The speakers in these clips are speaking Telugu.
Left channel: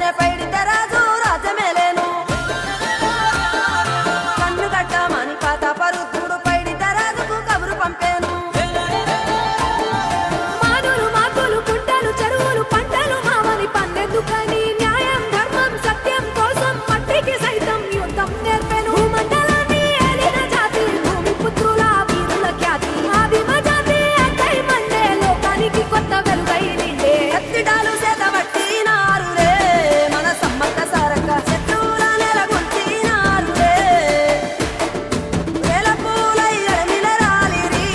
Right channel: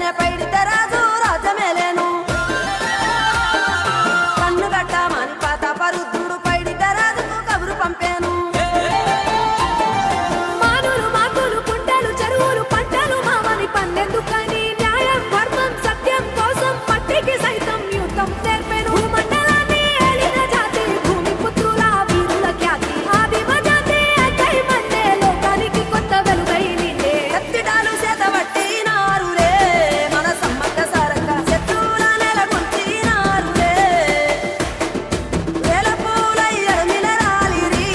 చూడంగానే పైడిద్దరాజు రాజమేలేను కన్ను గట్టమని ప్రతాపరుద్రుడు పైడిద్దరాజుకు కబురు పంపాను మానులు మాకులు కుంటలు చెరువులు పంటలు మావని పన్నెందుకని న్యాయం ధర్మం సత్యం కోసం మట్టికి సైతం యుద్ధం నేర్పెను భూమండలాన్ని ఏలిన జాతి భూమి పుత్రుల వీరుల ఖ్యాతి ఆదిమ జాతి అక్కై మండే లోకానికి కొత్త వెలుగై నిండే కత్తిడాలు చేతబట్టినారులే మన సమ్మక్క సారక్క శత్రువుల నెలగొల్చినారులే వేల పూలై అడమిల రాలిరి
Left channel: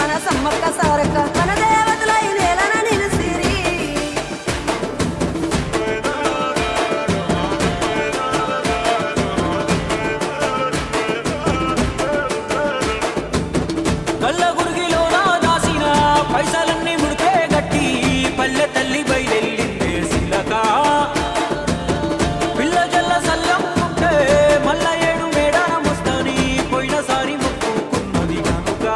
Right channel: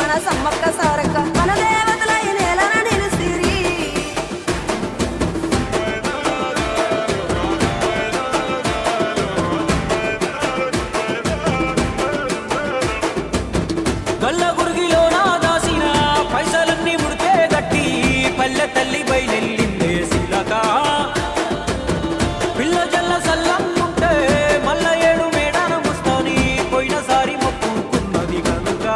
మన సమ్మక్క సారక్క మన దేవతలై నేలన నిలిసిరి గల్ల గురిగిలోన దాసిన పైసలన్నీ ముడిపే గట్టి పల్లె తల్లి బయలెల్లిందే శిలక పిల్ల జల్ల సల్లం ఉంటే మల్ల ఏడు మేడాన ముస్తాని పోయినసారి మొక్కుకున్నది గనుక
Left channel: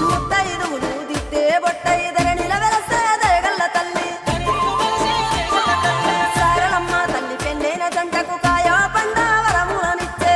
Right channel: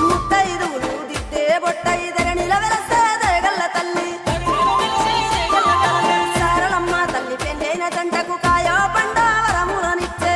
ముత్తైదువులు దిద్దే బొట్టైదర నిలవెలసే దయగల్ల తల్లి సారలమ్మ తల్లి పెళ్ళైన జంటకు కాయో పండ వరములనిచ్చే